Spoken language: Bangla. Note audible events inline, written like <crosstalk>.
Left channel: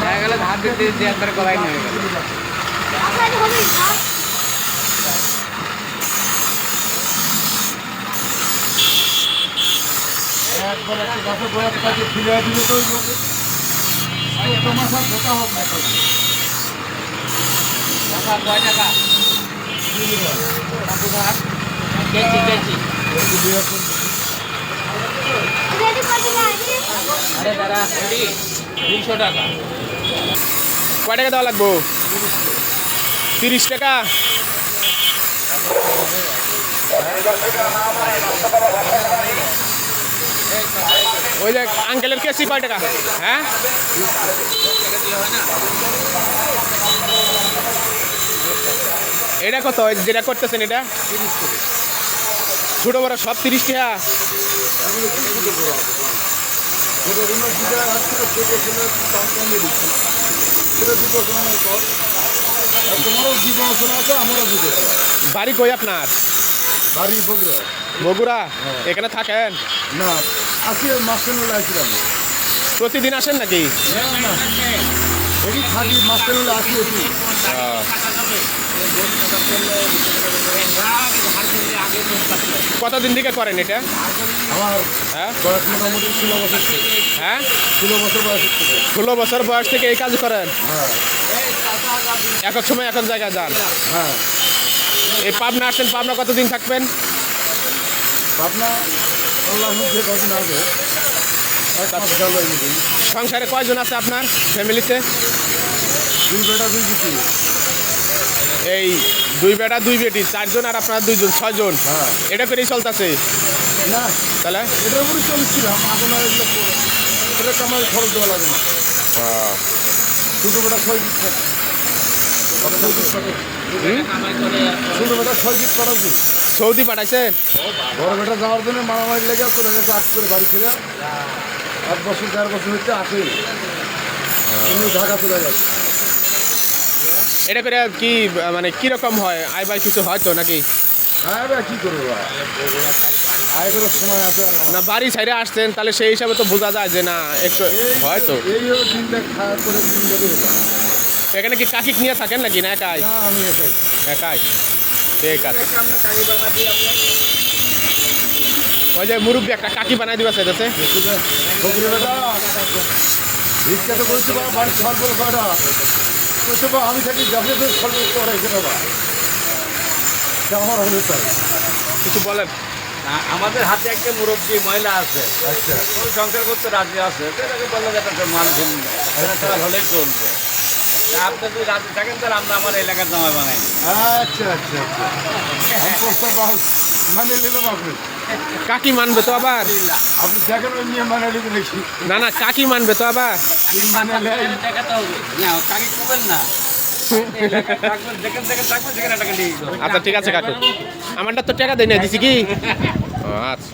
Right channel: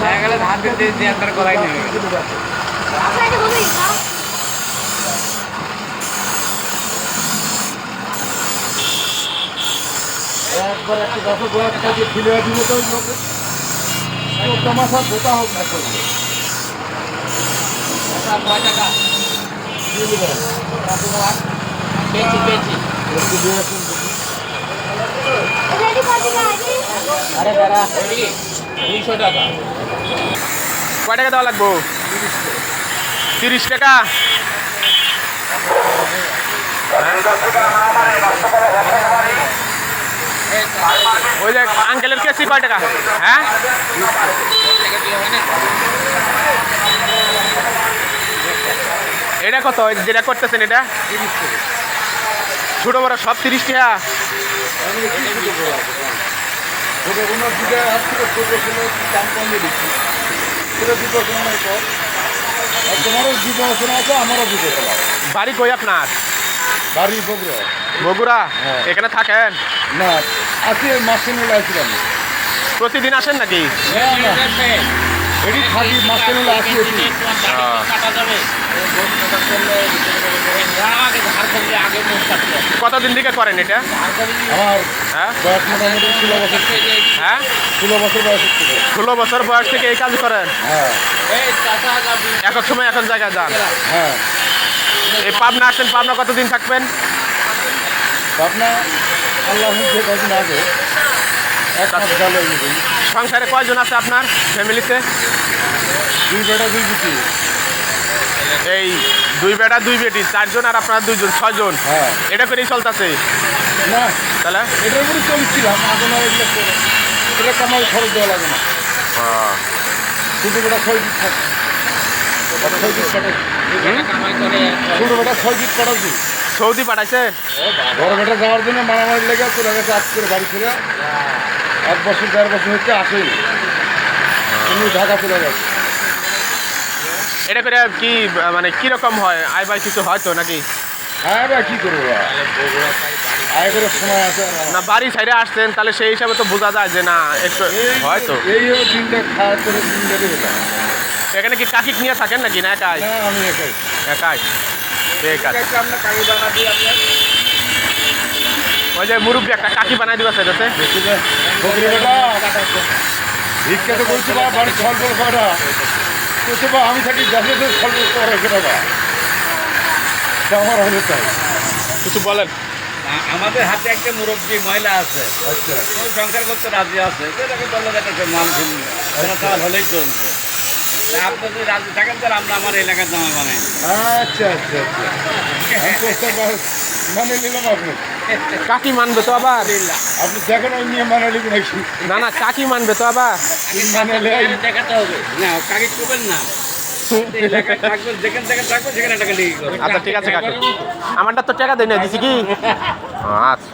দেখা গেলে ধার দিতে দিতে আপনার করাই নেবে একবার একটা গাছে গোড়ার কাছে ফিরে দিলে তো মাথা গোটা হোক না করবে দেখি। আরে দাদা দুইশো টাকা। কয় টাকা দেওয়া লাগবো? তিরিশ টাকা। ওই যে আঙ্কেলের কেসি কয় টাকা? হ্যাঁ? এটা কত? যেটা করতেছেন এটা? ছোটো বড় সব তিরিশ টাকা। ছোটো কোনো দুটো ছোটো ছিল দাম কমিয়ে দিচ্ছি। সেটা দুটো সময় পর। আর তোমারও দুটো শোনা আছে আমারও দুটো শোনা বাড়ি কই আপনার? বাড়ি বগুড়া। বগুড়া? হ্যাঁ। এখানে থাকেন? না আসি মাসে আসছিলাম প্রতিদিন আসেন নাকি? এটি আসি এটি। কতদিন থেকে করেন এটা? হ্যাঁ? ষোলো বছর হ্যাঁ? ষোলো বছর বয়স থেকে। এই কাজ করেন? হ্যাঁ। এক সময় এক জায়গায় যান। হ্যাঁ। এই পাবনা আসছেন পাবনা কতদিন থাকবেন? পাবনা আল্লাহ আগে। এক সংসারে কয়জন আছে আপনার ফ্যামিলিতে? দুই বেটা দুই বেটি এই দুই বেটা দুই বেটি চারজন আর আপনার দুইজন ছয়জন হ্যাঁ। এটা করেই চলতেছে? না তাহলে? এটার উপরে চলছিলাম এগুলো। এটা কামাই খরচ দেওয়া লাগে না। ছোটো বেটা ছয় দিক থাকে। আর ছয় দিক কাটে ছোটো বেটা ছয় দিক কাটাচ্ছি সৌদি পাঠাইছে? বড় বেটা যাওয়ার জন্য মারামারি লেগে চলে গেছে আজ করে বাড়ি থেকে এক বছর দেড় বছর হচ্ছে আসেই তুমি ঢাকা চলে গেছে। এটা করে কি মানে কীরকম হয়? আয় কিছু হয় তো নাকি? হ্যাঁ ভাই কী করব আয় করে সময় আছে না বাড়ি সাইডে আসছেন তাহলে সেই হিসাবে তো বোঝা যায় যে না একটু এই হলো দিনটা খাওয়া করে। এখানে কি কাকিক নিয়ে থাকেন নাকি না একাই? না আমি একাই। একাই। ঠিক আছে। ওই যে একটা কাকি বানাই দিবা চাইতেছে ভিক্ষা তো বলছি আমি থাকি করে আমার হলো তাই। কিছু বলেন। আমাদের হাতে একটা মুরব্বী মহিলা আছে। আচ্ছা। ওই সংসার করতে রাজি আছে। তাকে বলল মাল হলেই চলবে। আপনি যদি রাজি থাকেন তাহলে আমরা আমার এলাকার জামাই বানাই। আচ্ছা আচ্ছা আচ্ছা। আমি প্রস্তাব মানে নিলাম আপনি কাকি মানবে তো আবার? আপনি দেখেন ওই নিয়ে মানে লিখে নাকি না না কাকি মানবে তো আবার। তিন মানে দেখাতে হবে? না কাকি করবেন না। আচ্ছা ঠিক আছে কাকু। আমারটা তো টাকা দেয় না দিছি কি? <laughs> আচ্ছা।